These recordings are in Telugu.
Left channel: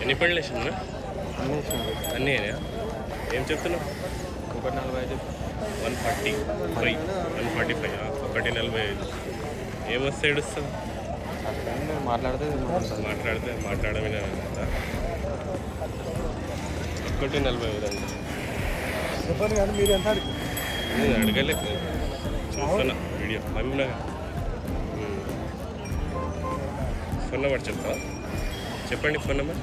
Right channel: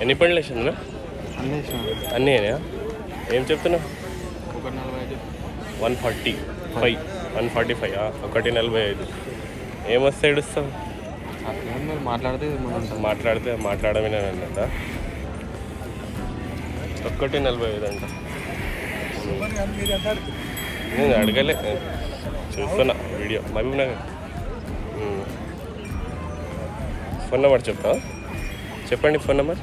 ఎన్ని పళ్ళు వేసిందా? అన్నీ అయినాయా? ఏం చెప్తున్నావు? 145. 145 145. ఏమొస్తే ఏడుస్తావు? మాట్లాడమేనా? 145 అంట. నేను అడగలే, చూస్తున్నా video. Mahabubnagar. Phone number చెప్తావా? చెప్పండి. Phone number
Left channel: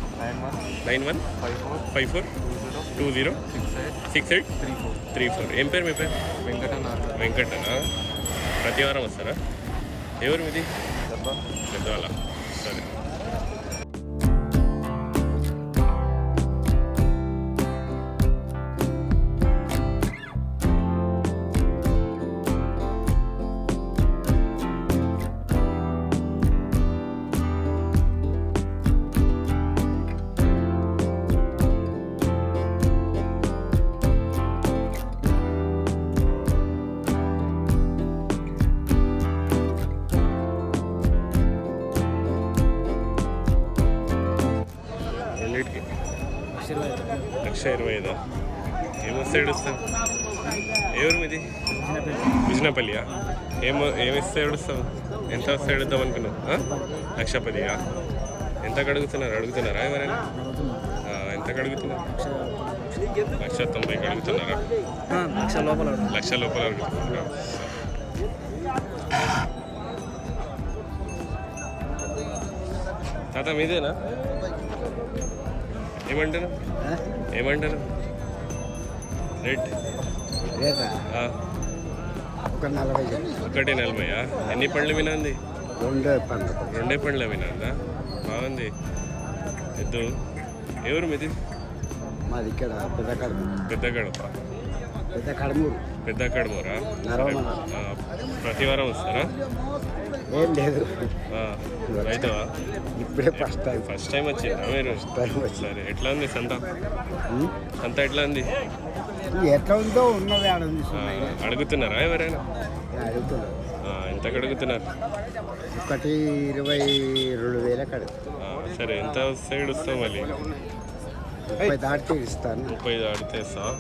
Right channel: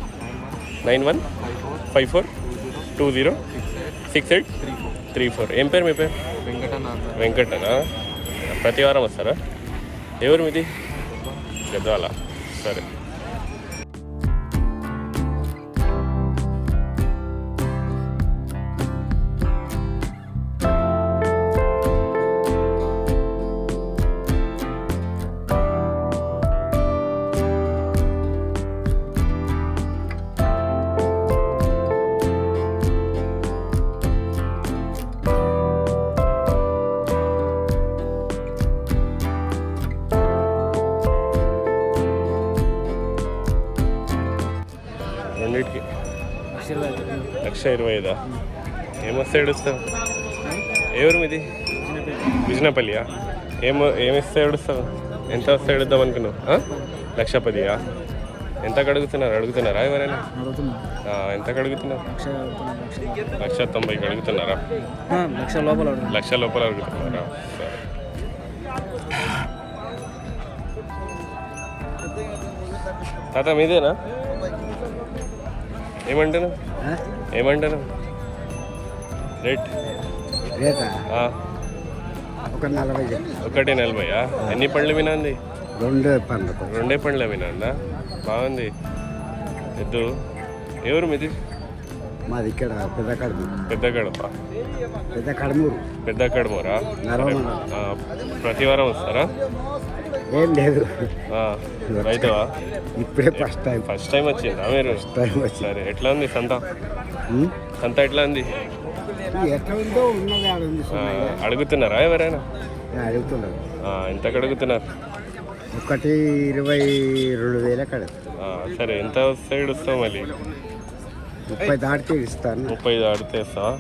9154206834. ఏం పేరు మీ పేరు? వెంకటనా? ప్రతి వారం వస్తారా? ఎవరు మీది? గద్వాల. సరే. రెండింటికి 1,25,000. ఏమొస్తే ఏడుస్తావు? ఎవరు మీది? విజనపల్లియా? ఏమిస్తే ఏడుస్తావు? ఎంత వస్తే ఏడుద్దాం అనుకున్నావు? 1,10,000. ఎంతకు అడుగుతున్నారా ఎవరైనా? ఎంతకు అడుగుతున్నారు? 1,90,000కి అడుగుతున్నారా? 1,00,000 లోపల అడుగుతున్నారా? సరే. తాత మీదేనా? ఏమంటాను రేట్? 1,40,000. ఎన్ని పండ్లు వినంది? 2 పండ్లు వినందా? బాగుంది. ఎద్దు. ఎవరు మీది? పెద్ద కడమూరా? సరే. ప్రతి వారం వస్తారా? ఏం లేదు, రైతువా? ఫస్ట్ టైం వచ్చిందా మీరు? సరే. ఎట్లా ఉంది సంత? ఎట్లా ఉంది? ఎట్లా ఉందో ఉన్నది. అడుగుతున్నారా ఎవరైనా? ఎంతకు అడుగుతున్నారు? 1,22,000. సరే. ఎంత సైడ్ వస్తావు మళ్ళీ? 30 దాటితే ఇస్తాను. 30 దాటితే వస్తావా?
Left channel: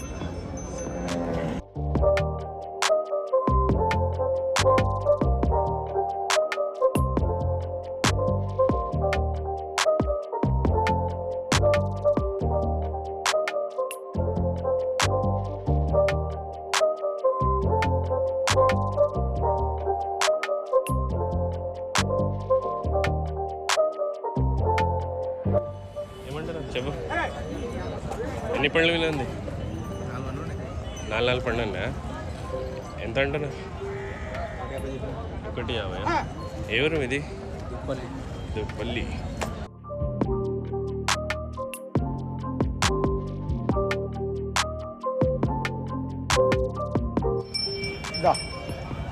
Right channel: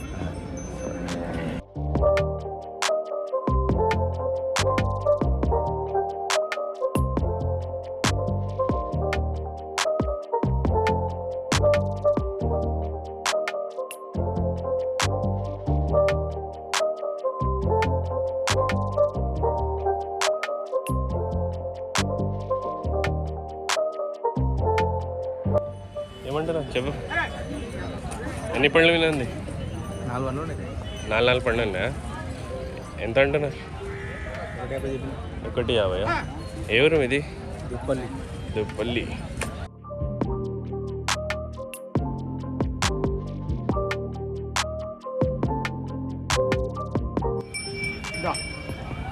ఏమంటారా? చెప్పు. ఎన్ని పండ్లు వినంది? 4 పండ్లు ఉన్నాయా? ఎంత అంటున్నారు? 1,50,000. ఎవరు ఇది? దుప్పల్లి.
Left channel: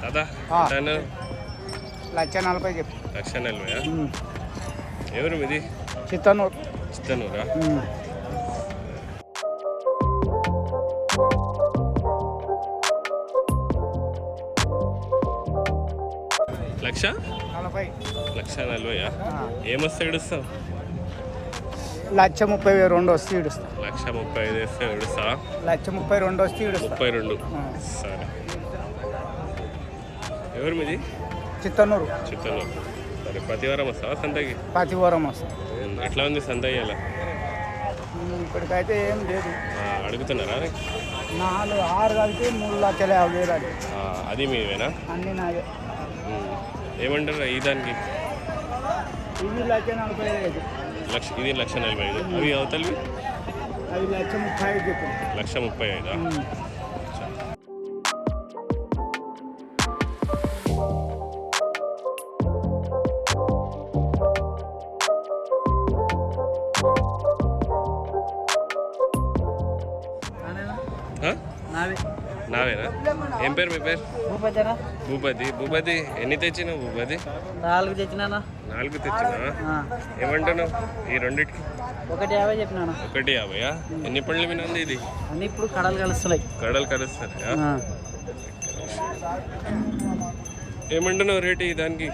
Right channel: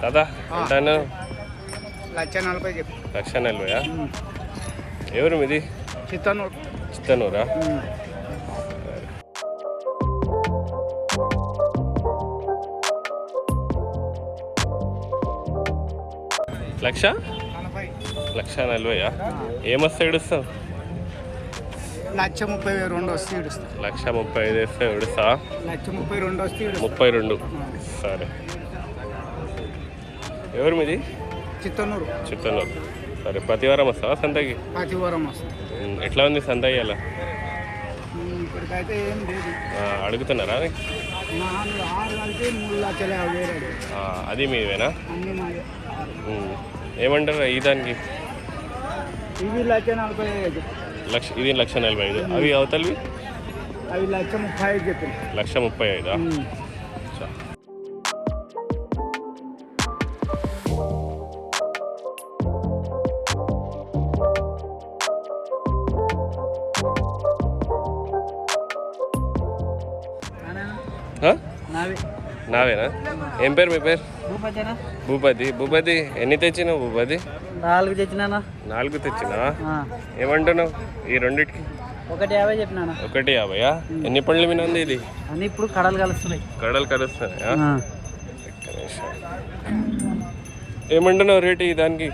దాదా ఎంత అన్నావు? 1,40,000. ఎవరు మీది? చిత్తనూరా? 1,40,000. ఏమొస్తే ఏడుస్తావు? 1,32,000 వస్తే ఏడుస్తా. 1,35,000 వేస్తే ఏడుస్తావా? 1,32,000 వస్తే 32. సరే. ఎవరు మీది? చిత్తనూరు. సరే. ప్రతి వారం వస్తావా సంతకి? ప్రతి వారం వస్తా. ఎట్లా ఉంది సంత ఇవాళ? ఇప్పటికైతే ఏం లేదు. అడుగుతున్నారా? 6 కలిపి 3,50,000. అది మీవేనా? అన్నీ నావే. ఏమంటారు ఈ దానికి? ఇది 1,45,000. ఇది 1,45,000. అవి అవతలవి? అవి 1,35,000 చెప్పండి. 1,35,000. నావేనా? ఏం పేరు మీ పేరు? భూపతి. ఎన్ని తెచ్చినావు భూపతి? 4 తెచ్చినా. 4 తెచ్చినావా? ఏమంటున్నావు ఈ రెండిటికి? 1,50 చెప్పినా. 1,50. ఎన్ని పండ్లు వినంది ఇది? ఇప్పుడు కడలు కలుస్తున్నాయా? ఏమంటున్నావు రేటు దానికి?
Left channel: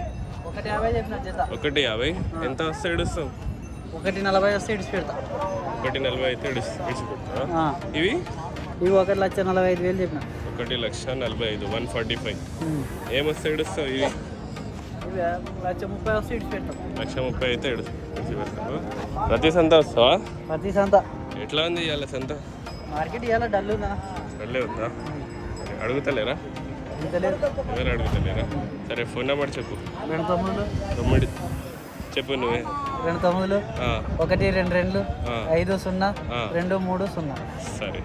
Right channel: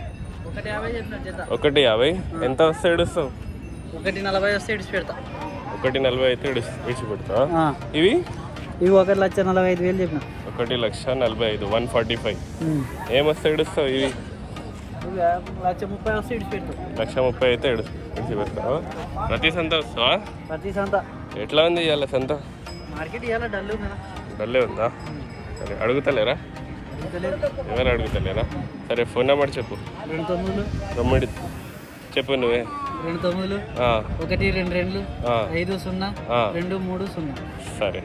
1,50. ఎంత వస్తే ఏడుస్తావు? 140 వస్తే ఇడిచి పెడతా. 140 అయితే విడిచిపెడతా. ఆ. ఇవి ఇవి 1,45,000 చెప్పిన. 1,45,000 145. ఏమొస్తే ఇడుస్తావు ఇవి? ఇవి 1,30,000 వస్తే ఇడిచి పెడతాం. 1,30,000 అయితే విడిచిపెడతావా? ప్రతి సంత వస్తావా? ప్రతి సంత ఎట్లా ఉంది ఇవాళ సంత? మార్కెట్ ఇవాళ డల్ ఉందా? డల్లే ఉందా? సరే అడుగుతలేరా? ఎవరు అడుగుతలేరా? సరే ఫోన్ నెంబర్ చెప్పు. 29 చెప్పు నువ్వే. 29 ఆ, 122 ఆ, 50 ఆ. 230. సరే.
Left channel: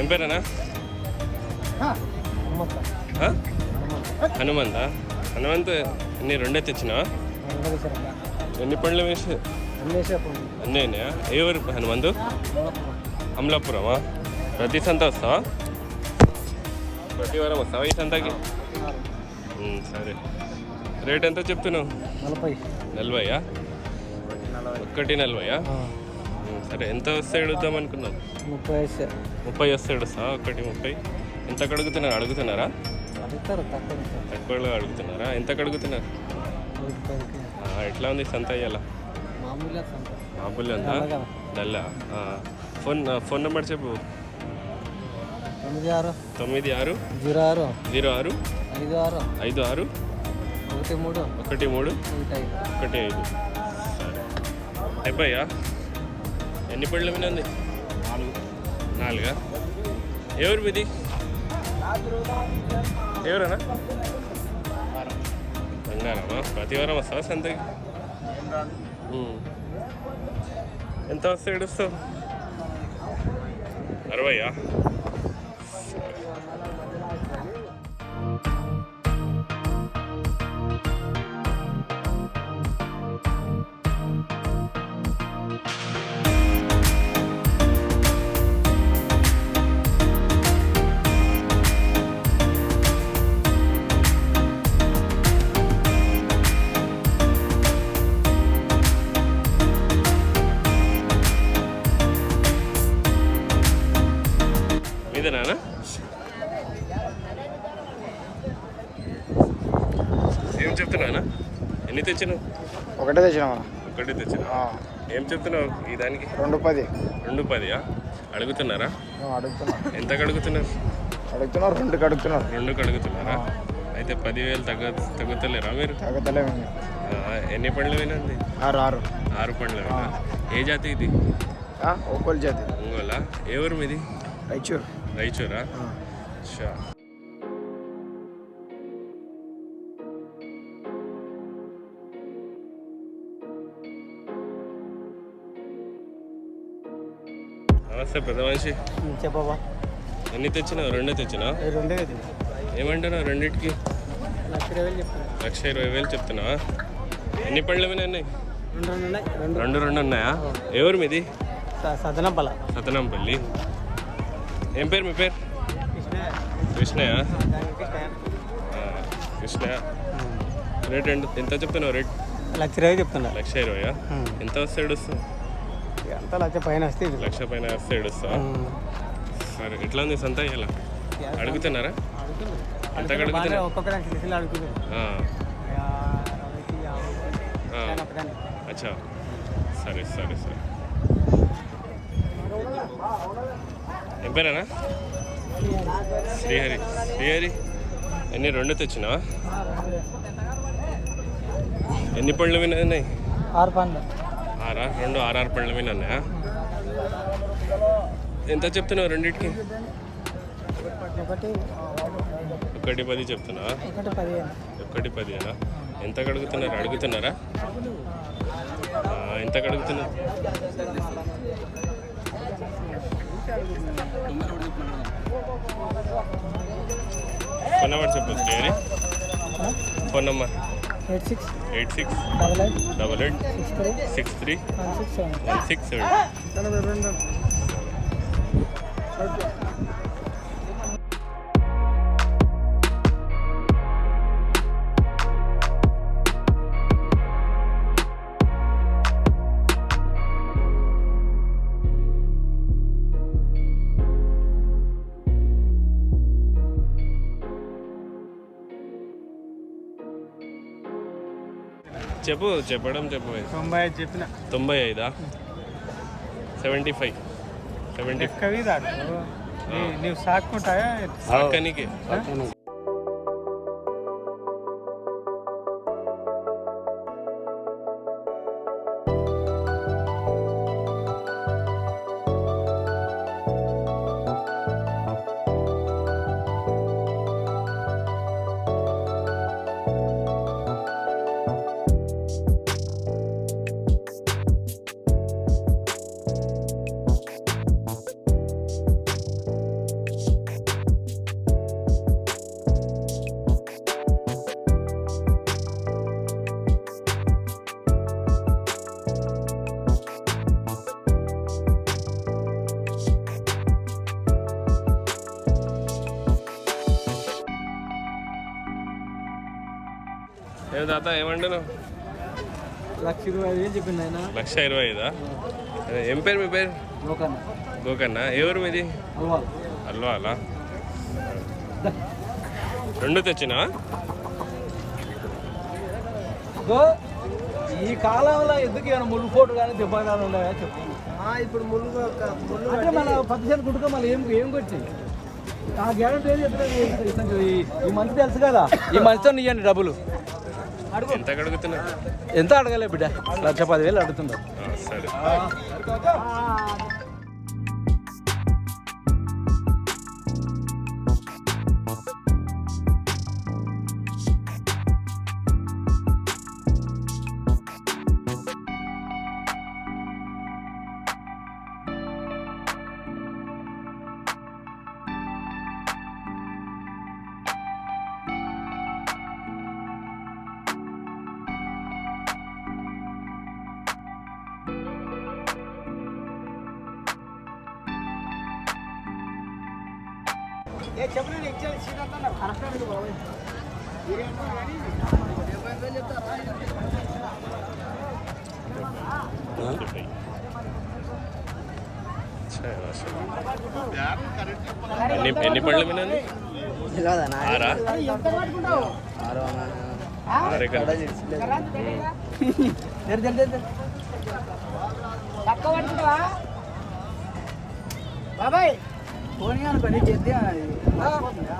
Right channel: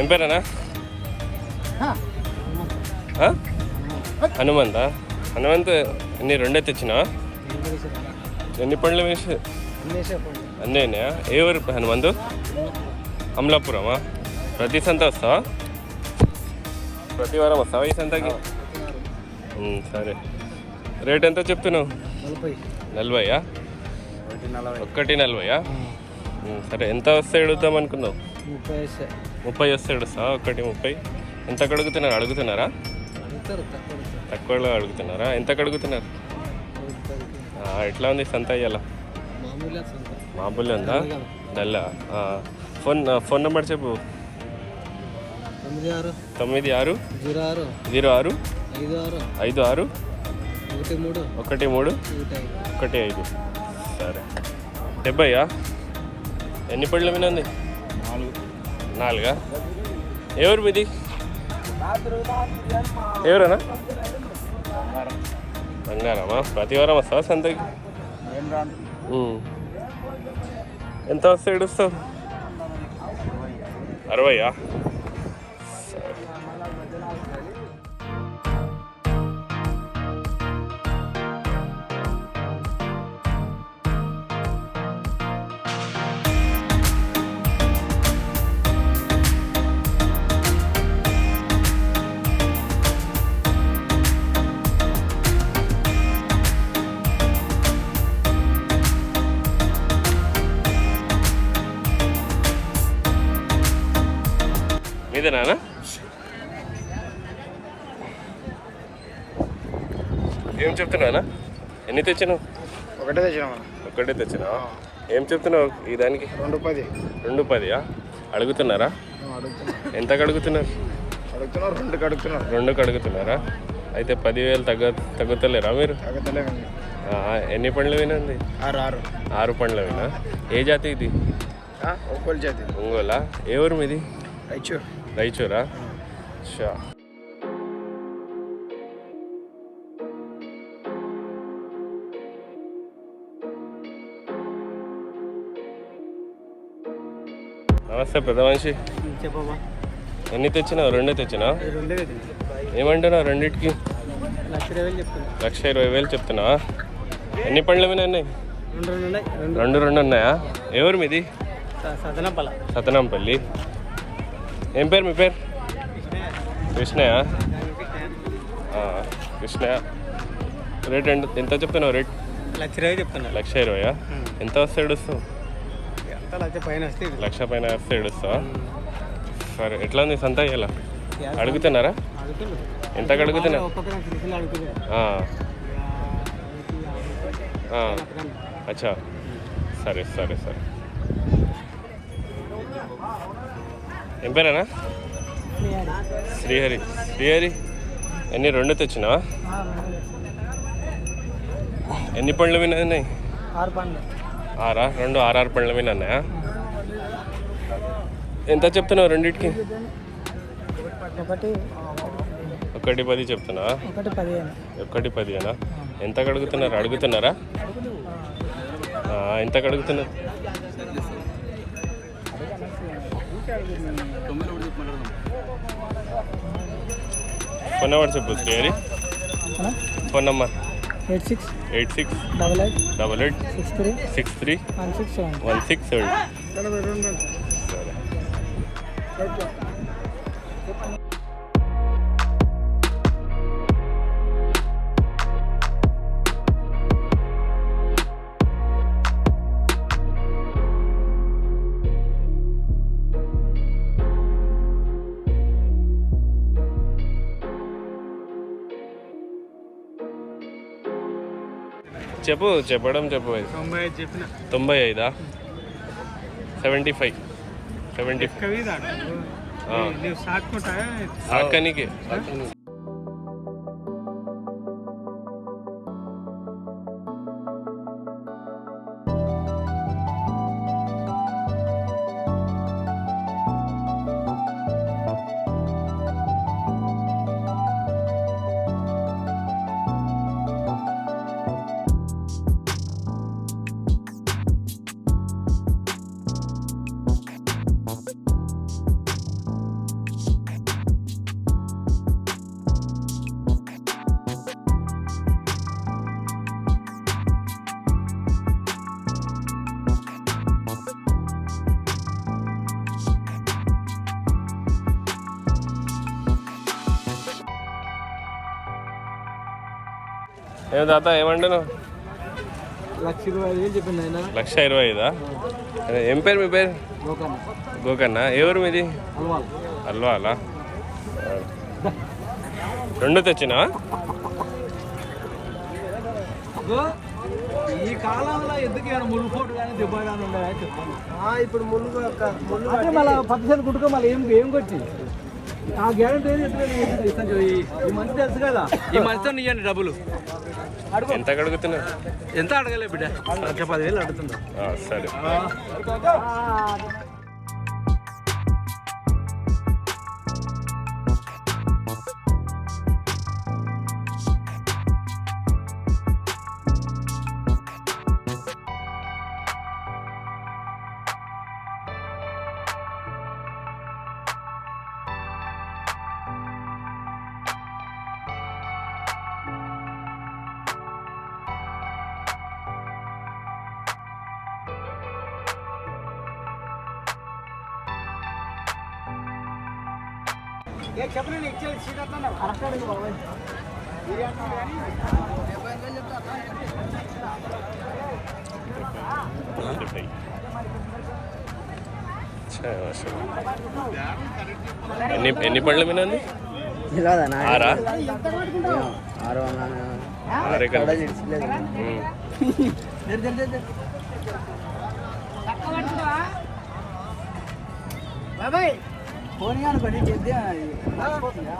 ఏం పేరేనా? ఆ? హనుమంతా? హనుమంత్ ఎన్ని రెండే తెచ్చినావా? ఎన్ని పండ్లు వేసి అన్నీనా? ఏ ఊరు హనుమంతు? అమలాపురమా? ప్రతి సంత వస్తావా? ప్రతి వారం వస్తావా ఈ సంతకి? సరే. రేట్ ఎంత చెప్తున్నావు? 40. 140. సరే ఎంత వస్తే అడుగుతాం అనుకున్నావు? 30 వస్తే అడుగుతావా? 130. ఎంత అడుగుతున్నారా? తక్కువలో అడుగుతున్నారా? ఎంతకు అడుగుతున్నారు? ఎట్లా ఉంది సంత ఇయ్యాల? మామూలు ఉందా? డల్లా? ఫోన్ నెంబర్ చెప్పు. 96 06 56 13 15. సరే. 70. ఎన్ని పళ్ళ మీద ఉంది? 4. ఎవరు మీది? ఎవరన్నా? బంగారమా? ప్రతి వారం వస్తావా సంతకి? ఎంత వస్తే ఇడుస్తావు? 60. సరే. మీదేనా? ఏం చెప్తున్నానా? ఎన్ని తెచ్చినావు? ఒకటే తెచ్చినావా? ఒక్కటే తెచ్చినావా? ఏం చెప్తున్నావు ఈ దానికి? 210. 210. అడుగుతున్నారా? ఎంతకు అడుగుతున్నారు? 2కు అడుగుతున్నారా? అయితే 10,000 తగ్గుతలేరా మీరు? ఎన్ని పండ్లు వినండి? 6 పండ్ల వినా? ఏ జాతి ఇది? ఒంగోలు జాతి. ఒంగోలా? ఏ ఊరు మీది? రాయచూరా? షా. నమస్తే పెద్ద మనిషి. చెప్పవా? ఎన్ని తెచ్చినావు? 2 తెచ్చినావు? ఏమంటున్నావు రెండింటికి? 1,20,000 చెప్తున్నావా? ఎన్ని పండ్ల మీద ఉన్నాయి? 2 ఉన్నాయా? ఎవరు మీది? సతనంపల్లి. ఏం పేరు మీ పేరు? కృష్ణయ్య. కృష్ణయ్య. రేట్ ఎంత చెప్తున్నావు? రేట్ 1,20,000 చెప్తున్నా. 1,20,000. ఎంత వస్తే ఏడుస్తావు? 1,00,000 పైన వస్తే ఏడుస్తావా? సరే. ఎట్లా ఉంది సంత ఇలా? అడుగుతున్నారా? ఎంతకు అడుగుతున్నారు? అచ్చా. సరే సరే సరే. ఏం పేరేనా? శ్రీహరి. ఎన్ని 2 తెచ్చినావా? ఎన్ని పండ్ల మీద ఉన్నాయి? 6. 2 6 పండ్ల మీద ఉన్నాయా? ఎంత చెప్తున్నావు రెండింటికి? 110 చెప్తున్నావా? 110. ఎంతకు అడుగుతున్నారా? ఎంతకు అడుగుతున్నారు? ఫోన్ నెంబర్ చెప్పు శ్రీహరి. Phone number 86 88 63 16 17. సరే. చెప్పు చెప్పడం చెప్పు 95 చెప్పిన 95 75 75 కవి నీవు సాక్కుంటాయా సాక్కనికి ఏం తాత ఏమంటాను 1,25,000 చెప్పింది ఆయన 1,25,000 అదే ఏం పేరు మీ పేరు లోకన్న గోకన్న ఎవరు మీది అల్వాల్ అల్వాలా రెండు తెచ్చినా ఈ కాలంలో ఎందుకు ఏమైనా ముళ్ళు పోటు కానీ దెబ్బ కానీ ఉన్నాయా చెప్పు ఇప్పుడు ముళ్ళు మళ్ళీ 10 కుట్టుకో మళ్ళీ ఏం కొట్టింది ఆ గ్యారెంటీ ఏది ఎట్లా ఈ మంత్ తెలుసు కదా ఈ మంత్తో నీయండి డబ్బులు ఎంత అడుగుతున్నారు ఎంత అడగలే బిడ్డ 10,000 అడుగుతున్నా సరే కరెక్ట్ అడుగు బాబాయ్ ఎన్ని పళ్ళు వినండి 6 6 కనిపి బాబాయ్ ఫోన్ అనుకోండి చెప్తే మర్చిపోతుంది